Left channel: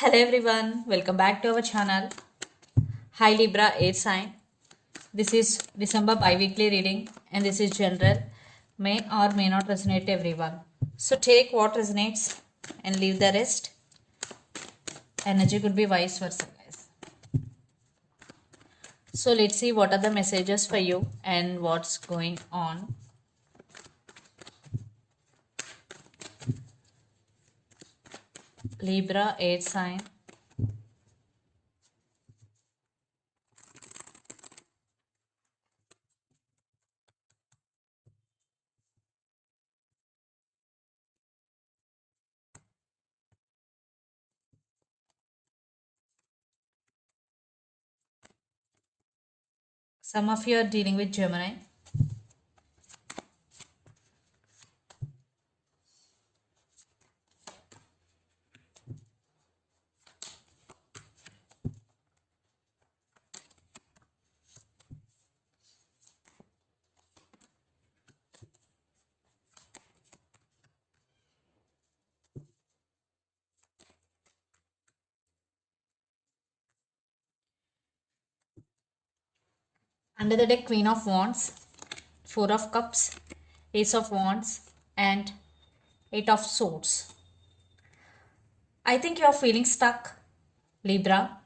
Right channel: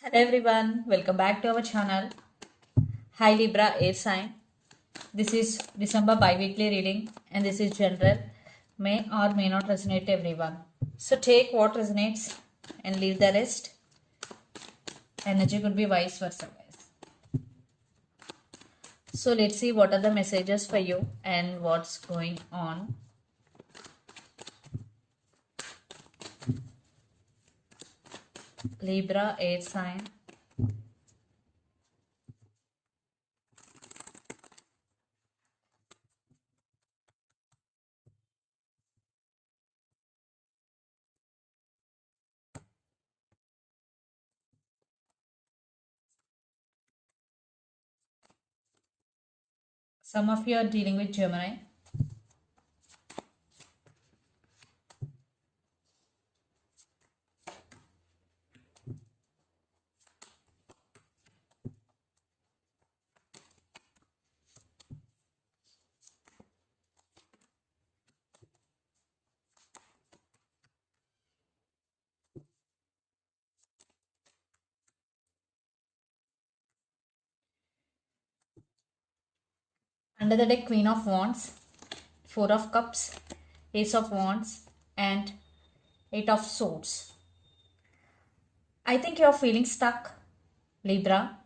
Hello everyone, welcome back to our channel. Hi Libra air sign. This is December bi-weekly reading and this is general. May or may not resonate to everyone. So take what resonates and leave the rest. Energy could be vice versa, guys. So let's see what are the messages for you and what's going on. Libra air sign. Some of you are dealing with Gemini. Under the deck, Queen of Wands, Four of Cups, Ace of Wands, and Eight of Swords. I think you're feeling stuck, Libra,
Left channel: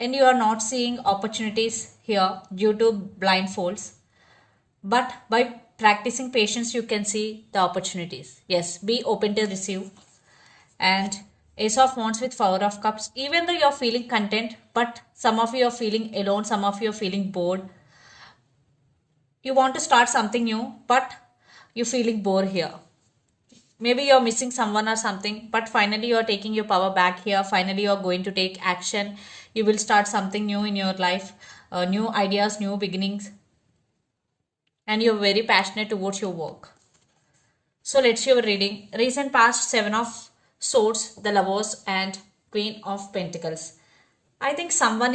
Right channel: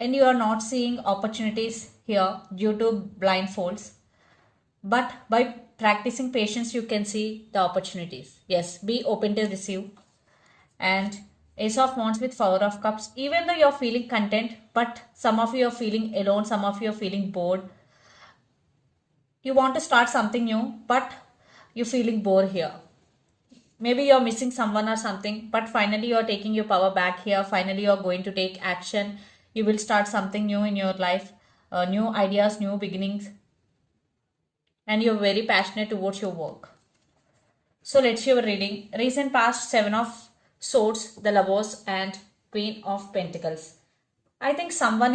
and you are not seeing opportunities here due to blindfolds. But by practicing patience, you can see the opportunities. Yes, be open to receive. And Ace of Wands with Four of Cups, even though you're feeling content, but some of you are feeling alone, some of you are feeling bored. You want to start something new, but you're feeling bored here. Maybe you're missing someone or something, but finally you're taking your power back here. Finally you're going to take action. You will start something new in your life, new ideas, new beginnings, and you're very passionate towards your work. So let's see your reading. Recent past, Seven of Swords, the Lovers, and Queen of Pentacles. I think someone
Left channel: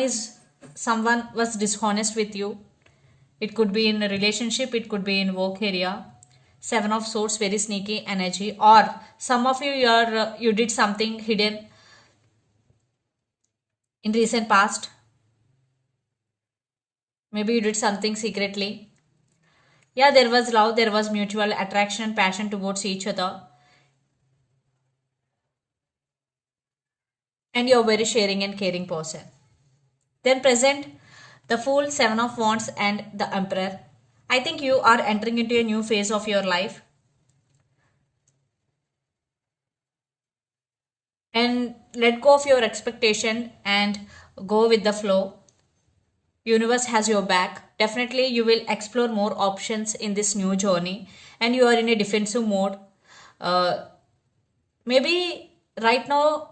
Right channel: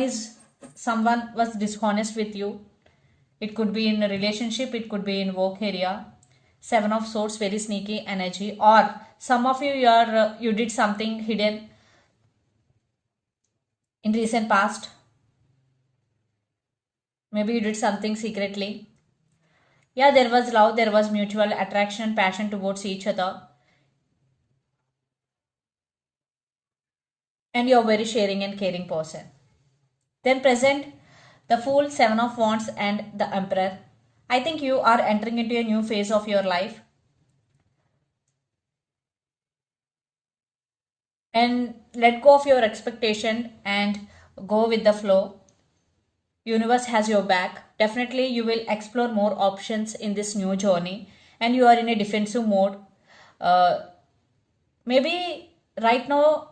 was dishonest with you. It could be in a relationship, it could be in work area. Seven of Swords, very sneaky energy. Or some of you, you did something hidden in recent past. Maybe you did something secretly. Yeah, there was love, there was mutual attraction and passion towards each other. And you're a very sharing and caring person. Then present, the Fool, Seven of Wands, and the Emperor. I think you are entering into a new phase of your life. And let go of your expectation and go with the flow. Universe has your back. Definitely you will explore more options in this new journey and you are in a defensive mode. Uh, Maybe right now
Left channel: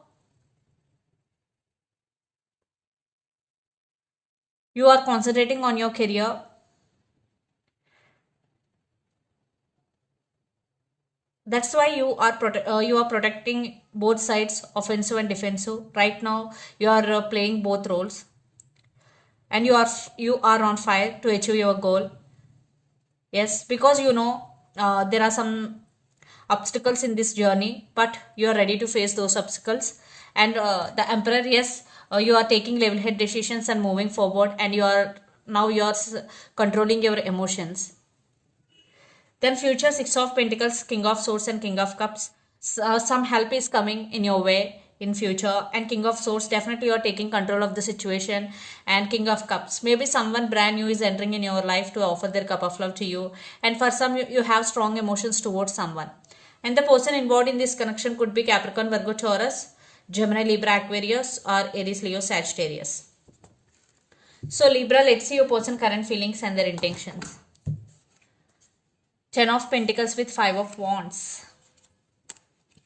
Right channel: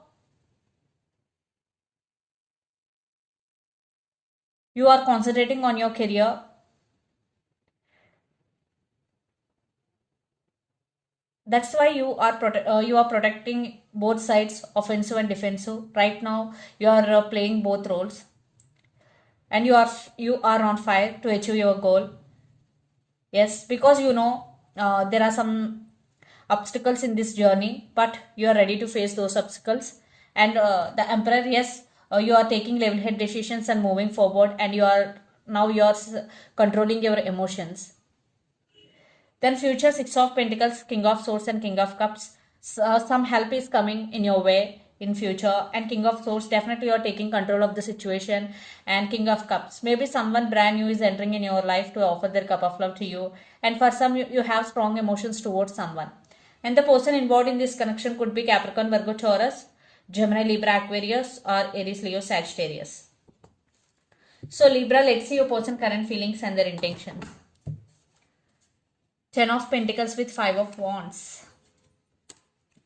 you are concentrating on your career. That's why you are protecting both sides, offensive and defensive. Right now you are playing both roles and you are on fire to achieve your goal. Yes, because there are some obstacles in this journey, but you are ready to face those obstacles. And the Emperor, yes, you are taking level head decisions and moving forward, and you are controlling your emotions. Then future, Six of Pentacles, King of Swords, and King of Cups. Some help is coming in your way in future, and King of Swords, definitely you are taking control of the situation. And King of Cups, maybe someone brand new is entering in your life to offer their cup of love to you, and for some you have strong emotions towards someone. And the person involved in this connection could be Capricorn, Virgo, Taurus, Gemini, Libra, Aquarius, or Aries, Leo, Sagittarius. So Libra, let's see your person current feelings and their intentions. Ten of Pentacles with Five of Wands.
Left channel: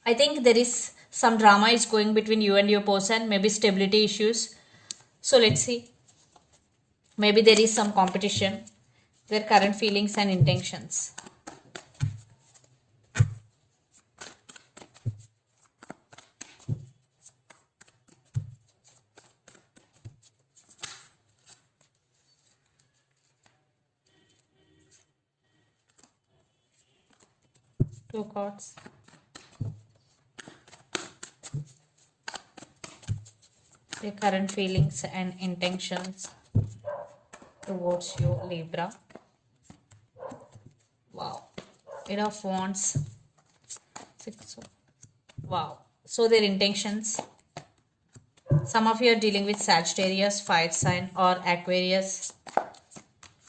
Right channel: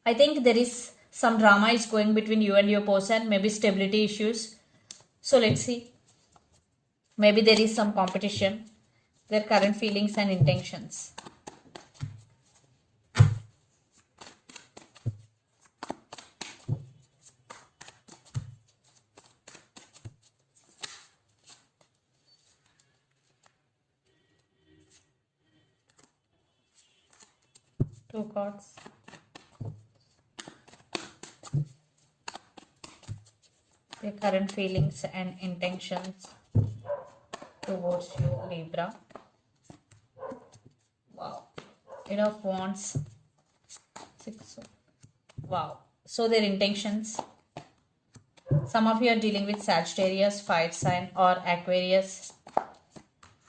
I think there is some drama is going between you and your person, maybe stability issues. So let's see. Maybe there is some competition, their current feelings and intentions. Two cards. Your current feelings and intentions towards you, Libra. Wow. Eight of Wands. Wow. So their intentions. Some of you are dealing with Sagittarius, fire sign, or Aquarius,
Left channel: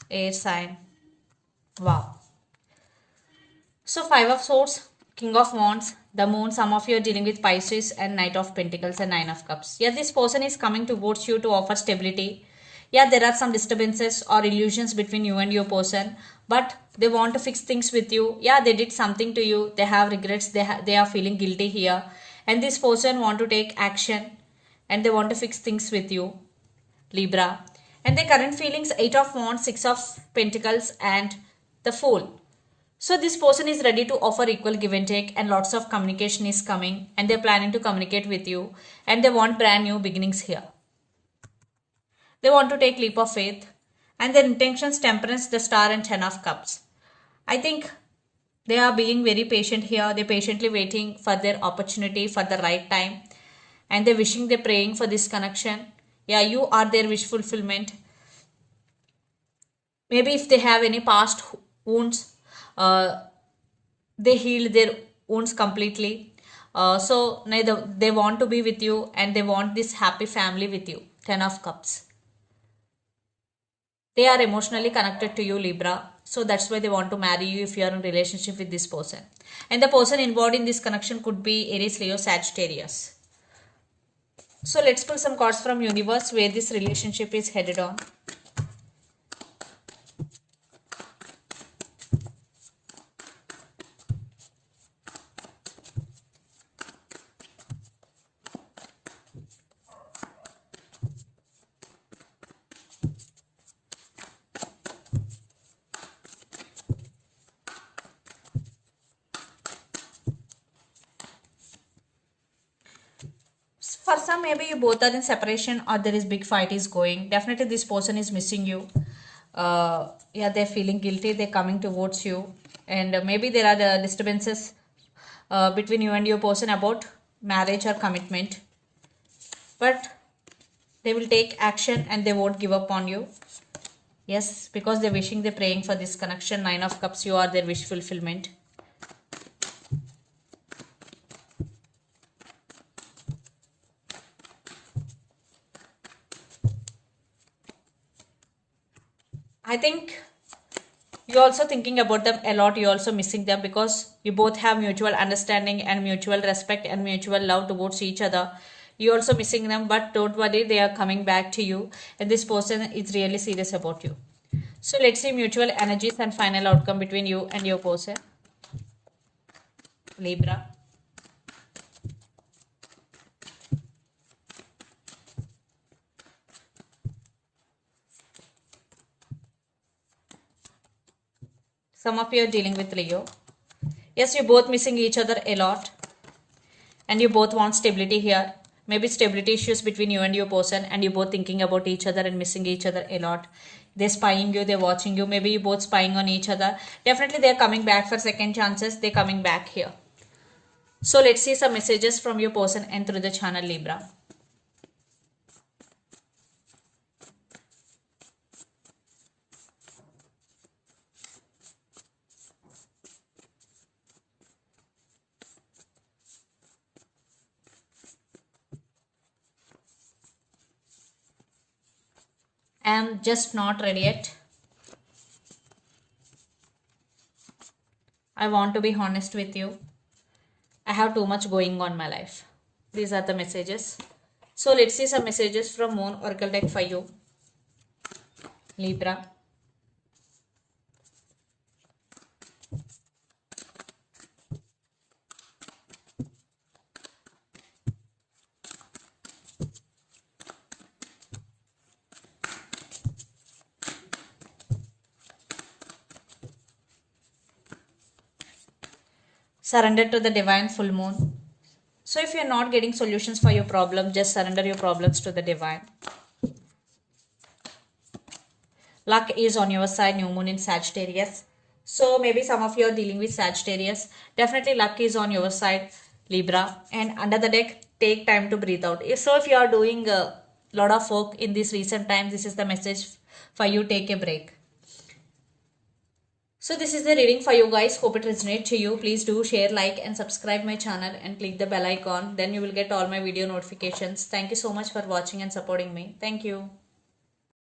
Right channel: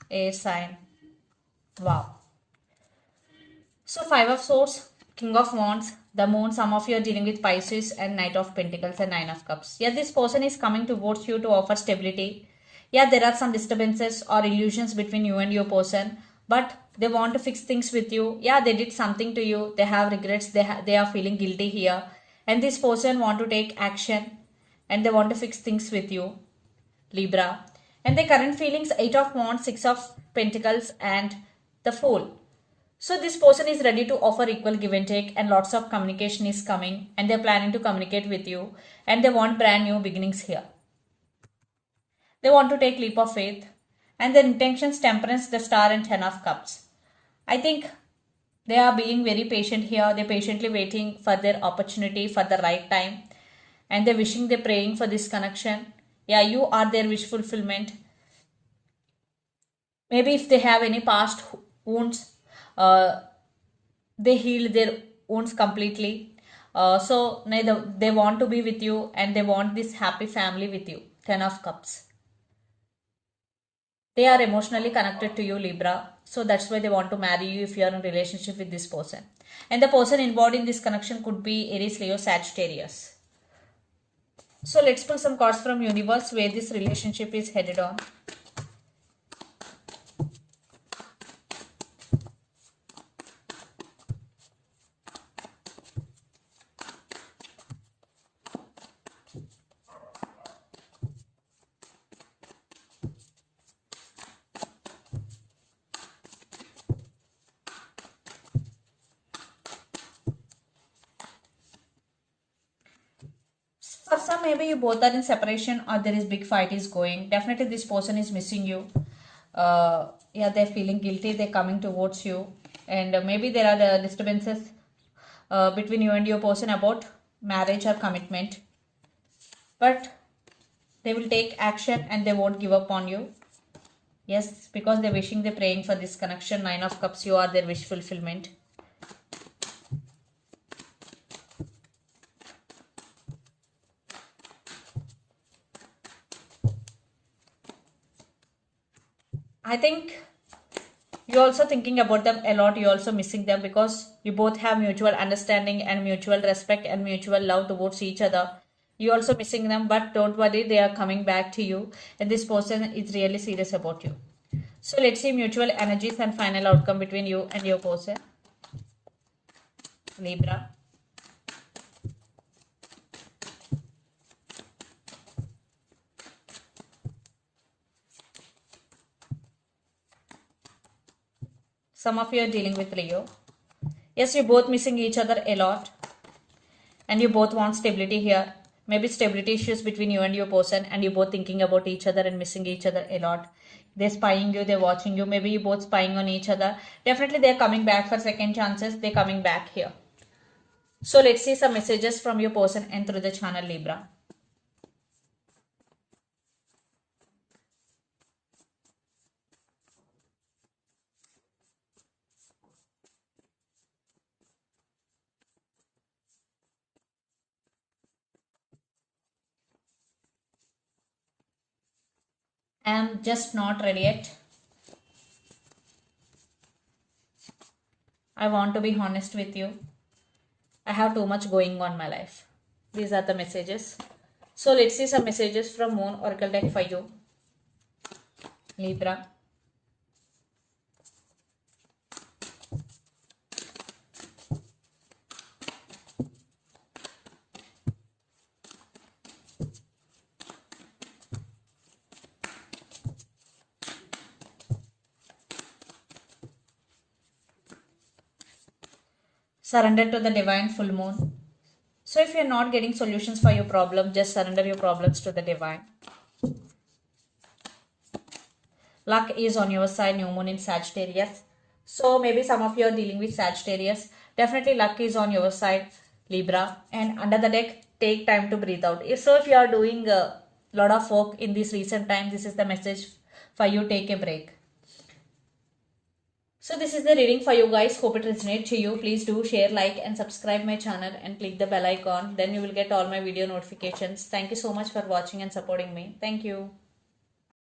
air sign. Wow. So Five of Swords, King of Wands, the Moon. Some of you are dealing with Pisces and Knight of Pentacles and Nine of Cups. Yeah, this person is coming towards you to offer stability. Yeah, there are some disturbances or illusions between you and your person, but they want to fix things with you. Yeah, they did something to you. They have regrets. They are feeling guilty here. And this person want to take action and they want to fix things with you, Libra. And their current feelings, Eight of Wands, Six of Pentacles and the Fool. So this person is ready to offer equal give and take, and lots of communication is coming, and they're planning to communicate with you, and they want brand new beginnings here. They want to take leap of faith, and their intentions, Temperance, the Star and Ten of Cups. I think they are being very patient here. They're patiently waiting for their opportunity for the right time, and they're wishing, they're praying for this connection. Yeah, you are their wish fulfillment. Maybe if they have any past wounds, they heal their wounds completely. So they want to be with you and they want this happy family with you. Ten of Cups. They are emotionally connected to you, Libra. So that's why they want to marry you if you are in relationship with this person. And the person involved in this connection could be Aries, Leo, Sagittarius. So let's pull some cards from universe where this relationship is headed on. For some, maybe you both are in separation or there is big fight is going. Definitely this person is missing you. Yeah, they're feeling guilty. They're coming towards you. And maybe there are the disturbances between you and your person about marriage or commitment. But they will take action and they won't give up on you. Yes, because they're wishing, they're praying for this connection. Nine of Cups, you are their wish fulfillment. I think you're also thinking about them a lot. You're also missing them because you both have mutual understanding and mutual respect and mutual love towards each other. You're also missing them, but don't worry, they are coming back to you. And this person is really serious about you. So let's see mutual energies and final outcome between you and your person, Libra. Some of you are dealing with Leo. Yes, you're both missing each other a lot. And you both want stability here. Maybe stability issues between you and your person. And you're both thinking about each other and missing each other a lot. They're spying you, they're watching you. Maybe you're both spying on each other. Definitely they're coming back for second chances. They're coming back here. So let's see some messages from your person and through the channel, Libra. I'm just not ready yet. I want to be honest with you. I have too much going on in my life. These are the messages. So let's see some messages from Moon Oracle deck for you, Libra. Surrender to the divine full moon. So if you're not getting solutions for your problem, just surrender your problems to the divine. Luck is on your side, new moon in Sagittarius. So maybe some of you are dealing with Sagittarius. Definitely luck is on your side, Libra. And under the deck, take time to breathe out. If you are doing a lot of work in this recent time, this is the message for you. Take a break. So this is the reading for you guys. Hope it resonates to you. Please do share, like and subscribe my channel and click the bell icon. Then you will get all my video notifications. Thank you so much for watching and supporting me. Thank you.